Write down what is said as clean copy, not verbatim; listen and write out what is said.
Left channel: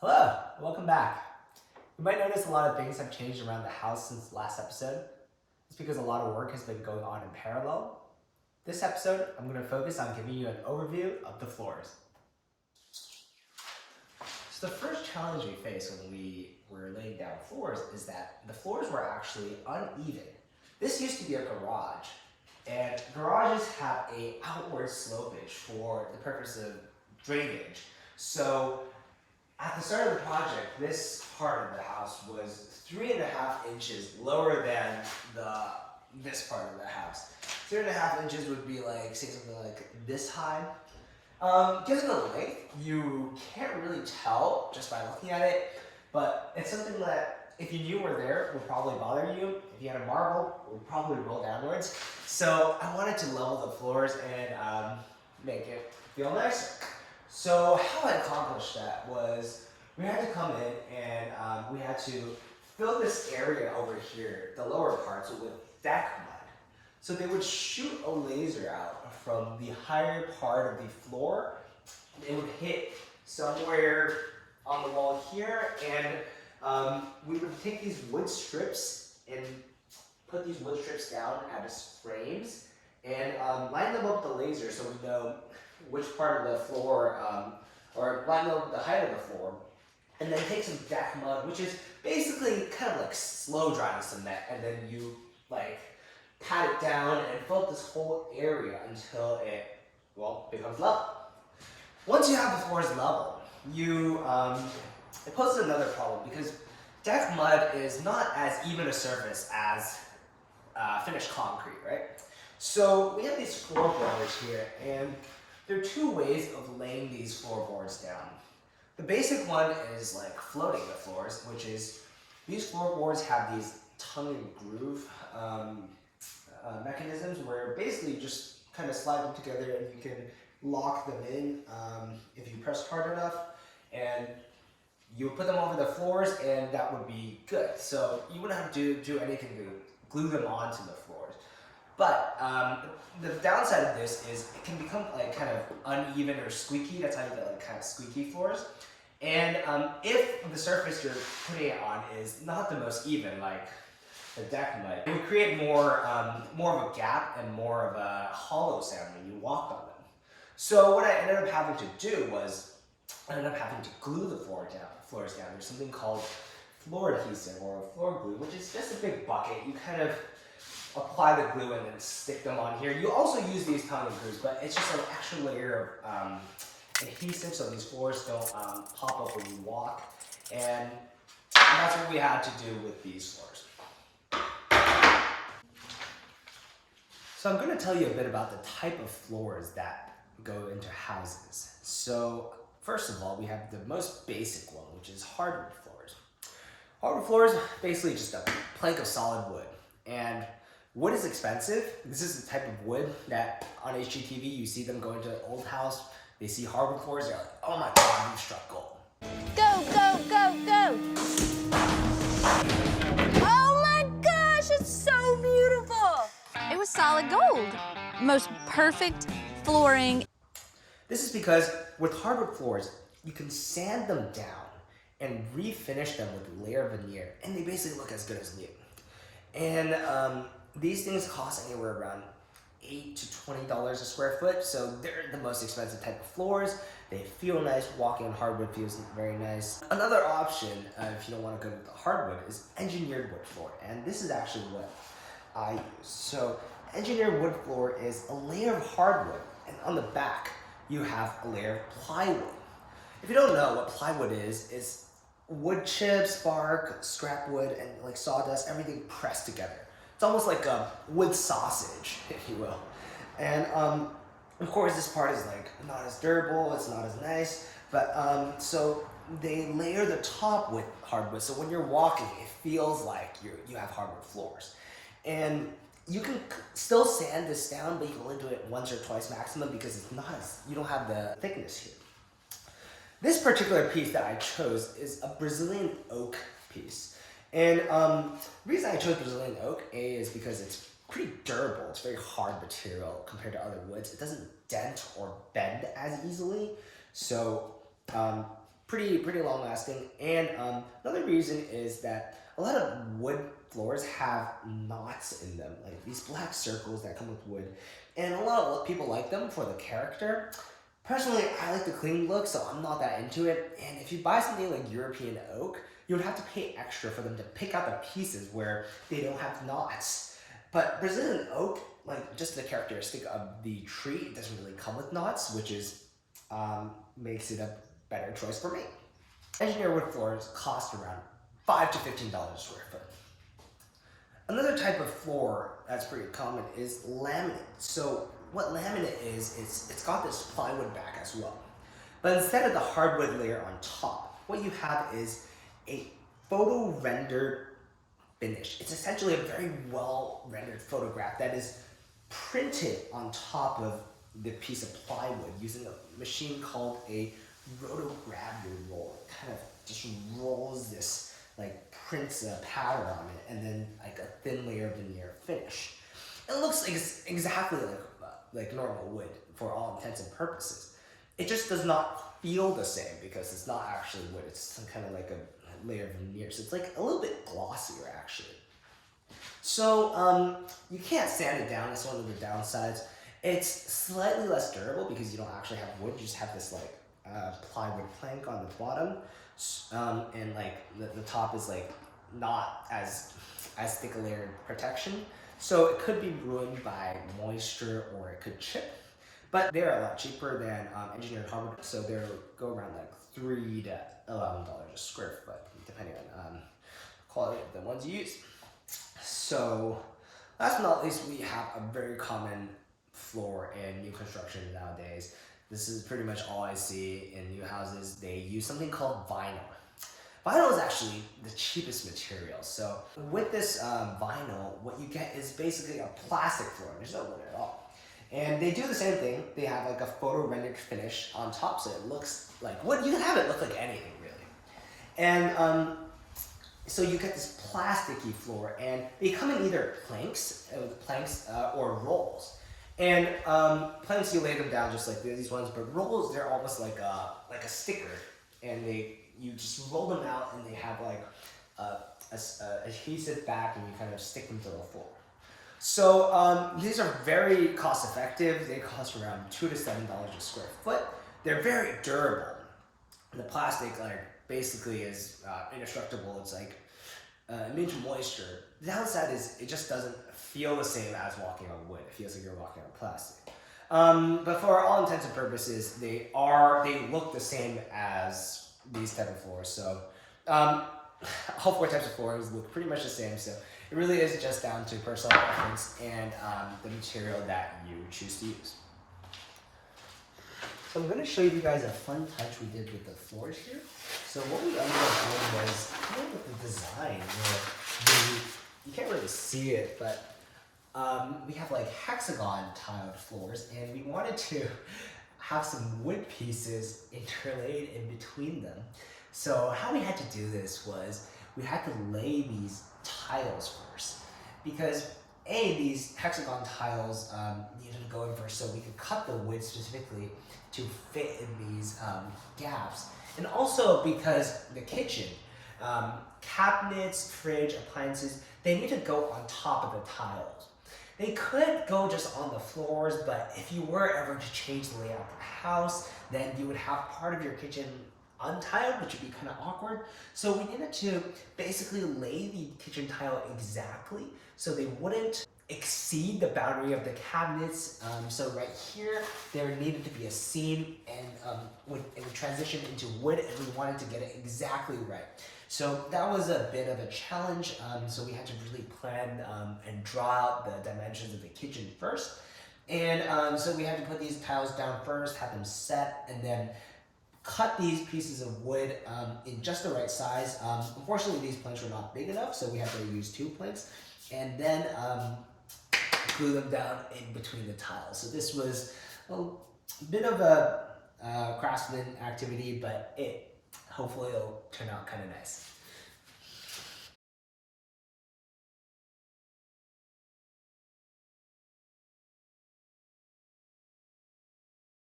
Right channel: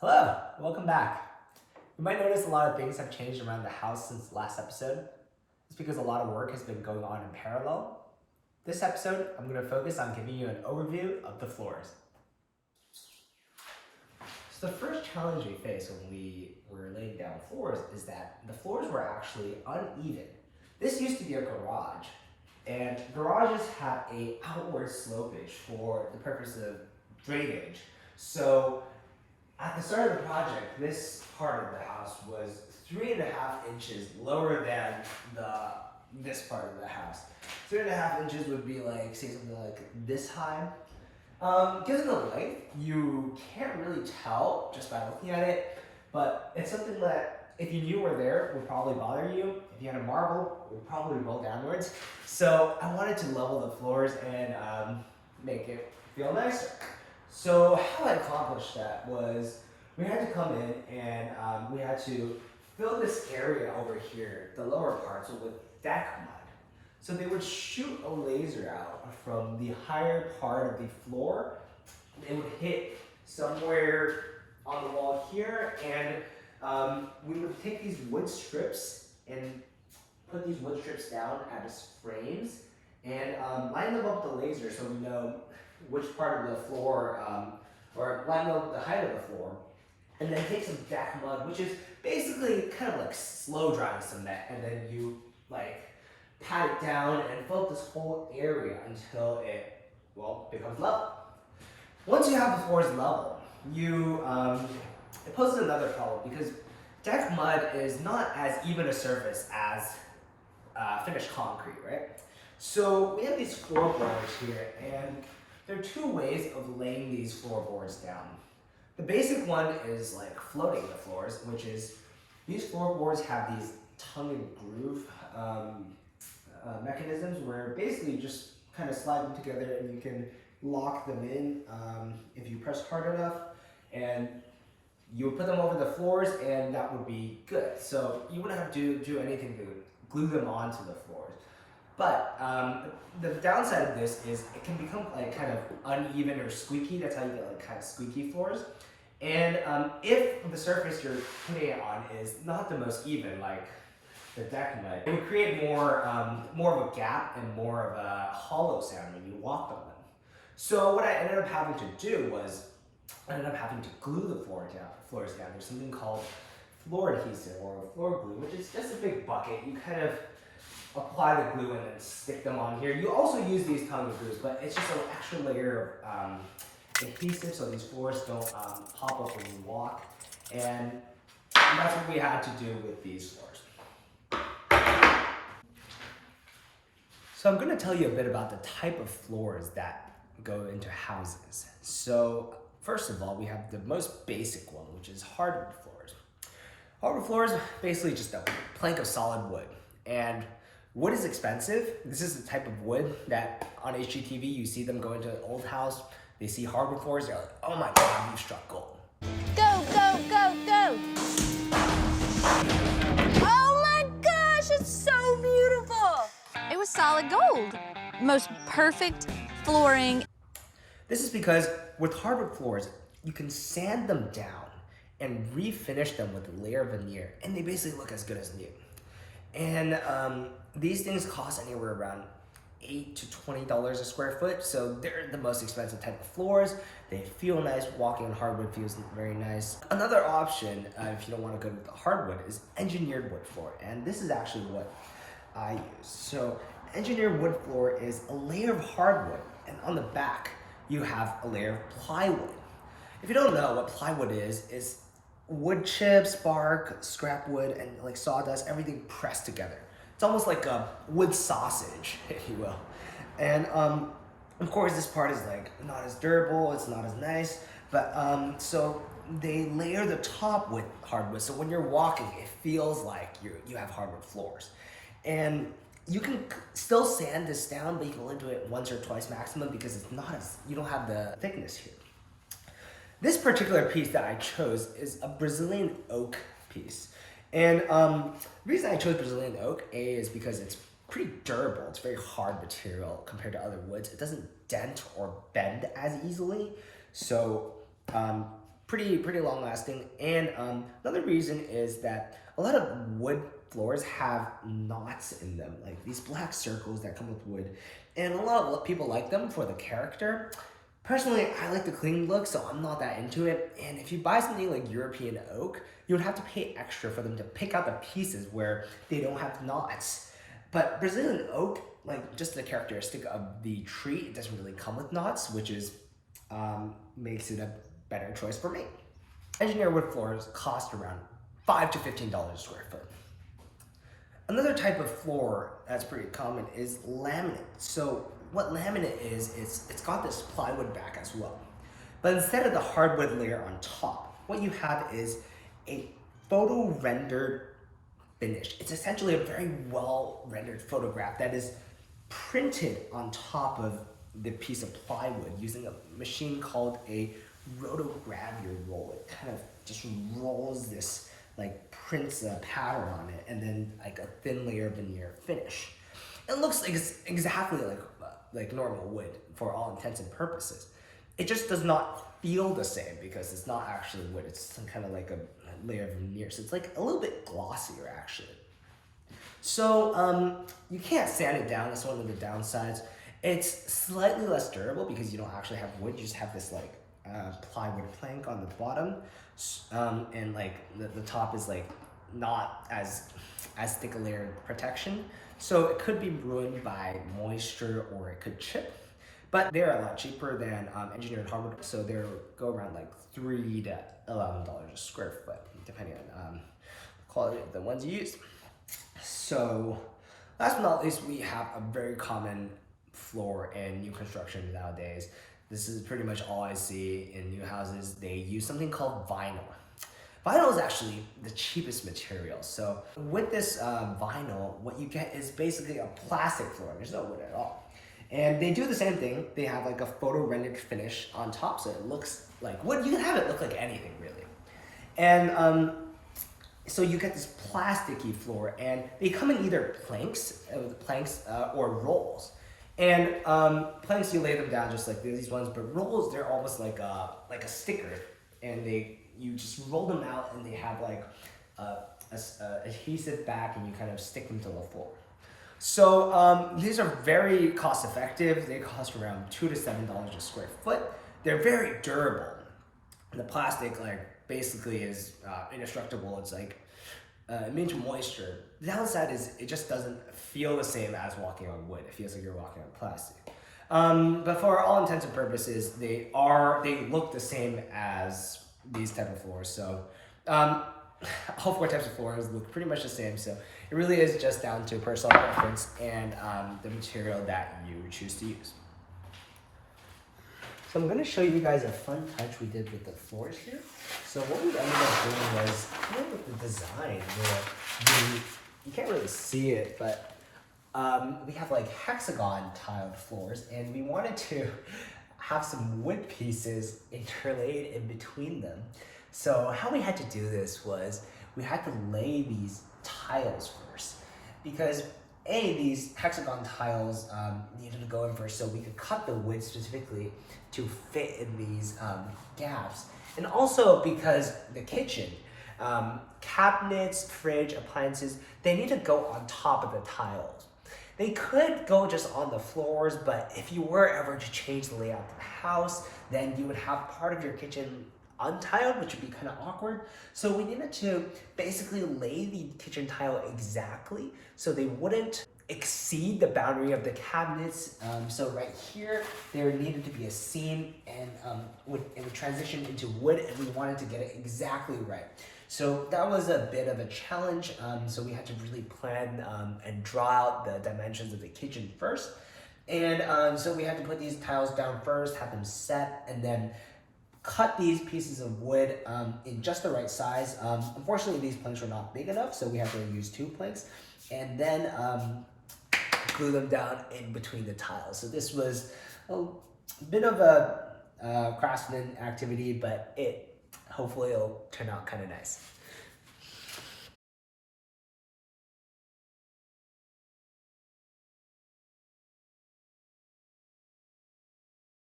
Hello, welcome back. You might notice a lot of things have changed around the house since the last episode. It's because a lot of work has been going on in parallel. This episode, I'm going to focus on giving you an overview of the floors. So the first challenge we faced when we were laying down floors is that the floors were actually uneven. This used to be a garage, and garages have a outward slopage for the purpose of drainage. So at the start of the project, this part of the house was 3.5 inches lower than this part of the house. 3.5 inches would be like, say something like this high. Given the length, you can't really tell just by looking at it, but it's something that if you knew were there would probably bother you. If you had a marble, it would probably roll downwards. So I wanted to level the floors and make it feel nicer. So how I accomplished that was we had to come in and we had to fill this area over here, the lower parts, with deck mud. So they would shoot a laser out from the higher part of the floor. It would hit somewhere on the wall here, and we would take these wood strips and put these wood strips down as frames and line them up with the laser so we know which part of the floor, or line up the height of the floor, and then take some deck mud, which is basically kind of like slow drying cement, and then you like pat it down and fill up this whole area until it, becomes level. Once you have the floors level, it poses another problem because deck mud is not as even a surface as finished concrete, right? So we have these floorboards here, and there are two ways of laying these floorboards down. The basic one is like floating the floors, which is these floorboards have these tongue and groove mechanisms where basically you just kind of slide them together and you can lock them in if you press hard enough, and you would put them over the floors and that would be good. So you wouldn't have to do anything to glue them onto the floors. But the downside of this is it can become like kind of uneven or squeaky. That's how you get like kind of squeaky floors. And if the surface you're putting it on is not the most even, like the deck mud, it would create more of a gap and more of a hollow sound when you walk on them. So what I ended up having to do was I ended up having to glue the floors down. There's something called floor adhesive or floor glue, which is just a big bucket. You kind of apply the glue and then stick them on here. You also use these tongue and grooves, but it's just an extra layer of adhesive so these floors don't pop up when you walk. And that's what we had to do with these floors. So I'm going to tell you a bit about the type of floors that go into houses. So first of all, we have the most basic one, which is hardwood floors. Hardwood floors, basically just a plank of solid wood. And wood is expensive. This is the type of wood that on HGTV you see them go into an old house, they see hardwood floors, they're like, oh my God, you struck gold. Go, go, go, go! Oh my gosh, it's so beautiful! It was solid gold. Most perfect flooring. This is because with hardwood floors, you can sand them down and refinish them with a layer of veneer, and they basically look as good as new. And these things cost anywhere around $8 to $20 a square foot, so they're the most expensive type of floors. They feel nice. Walking on hardwood feels very nice. Another option, if you don't want to go with the hardwood, is engineered wood floor, and this is actually what I use. So engineered wood floor is a layer of hardwood, and on the back you have a layer of plywood. If you don't know what plywood is wood chips, bark, scrap wood, and like sawdust, everything pressed together. It's almost like a wood sausage, if you will. And of course, this part is like not as durable, it's not as nice, but so they layer the top with hardwood, so when you're walking, it feels like you have hardwood floors. And you can still sand this down, but you can only do it once or twice maximum because it's not as, you don't have the thickness here. This particular piece that I chose is a Brazilian oak piece. And the reason I chose Brazilian oak, is because it's pretty durable. It's very hard material compared to other woods. It doesn't dent or bend as easily. So pretty long lasting. And another reason is that a lot of wood floors have knots in them, like these black circles that come with wood. And a lot of people like them for the character. Personally, I like the clean look, so I'm not that into it. And if you buy something like European oak, you would have to pay extra for them to pick out the pieces where they don't have knots. But Brazilian oak, like just the characteristic of the tree, it doesn't really come with knots, which is makes it a better choice for me. Engineered wood floors cost around $5 to $15 a square foot. Another type of floor that's pretty common is laminate. So what laminate is, it's got this plywood back as well. But instead of the hardwood layer on top, what you have is a photo rendered finish. It's essentially a very well rendered photograph that is printed on top of the piece of plywood using a machine called a rotogravure roll. It kind of just rolls this, like prints a pattern on it, and then like a thin layer of veneer finish. It looks exactly like normal wood for all intents and purposes. It just does not feel the same because it's not actually wood. It's some kind of like a layer of veneer. So it's like a little bit glossier actually. So you can't sand it down. That's one of the downsides. It's slightly less durable because you don't actually have wood. You just have this like plywood plank on the bottom, and like the top is like not as thick a layer of protection. So it could be ruined by moisture or it could chip. But they're a lot cheaper than engineered hardwood, so they'll go around like $3 to $11 a square foot, depending on the quality of the ones you use. So last but not least, we have a very common floor in new construction nowadays. This is pretty much all I see in new houses. They use something called vinyl. Vinyl is actually the cheapest material. So with this vinyl, what you get is basically a plastic floor. There's no wood at all. And they do the same thing. They have like a photo rendered finish on top, so it looks like wood. You can have it look like anything really. And so you get this plasticky floor, and they come in either planks or rolls. And planks, you lay them down just like these ones, but rolls, they're almost like a sticker, and you just roll them out, and they have like a adhesive back, and you kind of stick them to the floor. So these are very cost effective. They cost around $2 to $7 a square foot. They're very durable. The plastic basically is indestructible. It's like immune to moisture. The downside is it just doesn't feel the same as walking on wood. It feels like you're walking on plastic. But for all intents and purposes, they look the same as these type of floors. So all four types of floors look pretty much the same. So it really is just down to personal preference and the material that you choose to use. So I'm going to show you guys a fun touch we did with the floors here. So what we ended up doing was kind of with the design where you can't really see it, but we have like hexagon tiled floors, and we wanted to have some wood pieces interlaid in between them. So how we had to do this was we had to lay these tiles first, because these hexagon tiles needed to go in first so we could cut the wood specifically to fit in these gaps, and also because the kitchen, cabinets, fridge, appliances, they need to go on top of the tiles. They could go just on the floors, but if you were ever to change the layout of the house, then you would have part of your kitchen untiled, which would be kind of awkward. So we needed to basically lay the kitchen tile exactly so they wouldn't exceed the boundary of the cabinets. So right here, there needed to be a seam, and it would transition into wood, and we wanted to get it exactly right. So that was a bit of a challenge. So we had to really plan and draw out the dimensions of the kitchen first. And so we had to put these tiles down first, have them set, and then cut these pieces of wood in just the right size. Unfortunately, these planks were not big enough, so we had to use 2 planks, and then glue them down in between the tiles. So this was a bit of a craftsman activity, but hopefully it'll turn out kind of nice.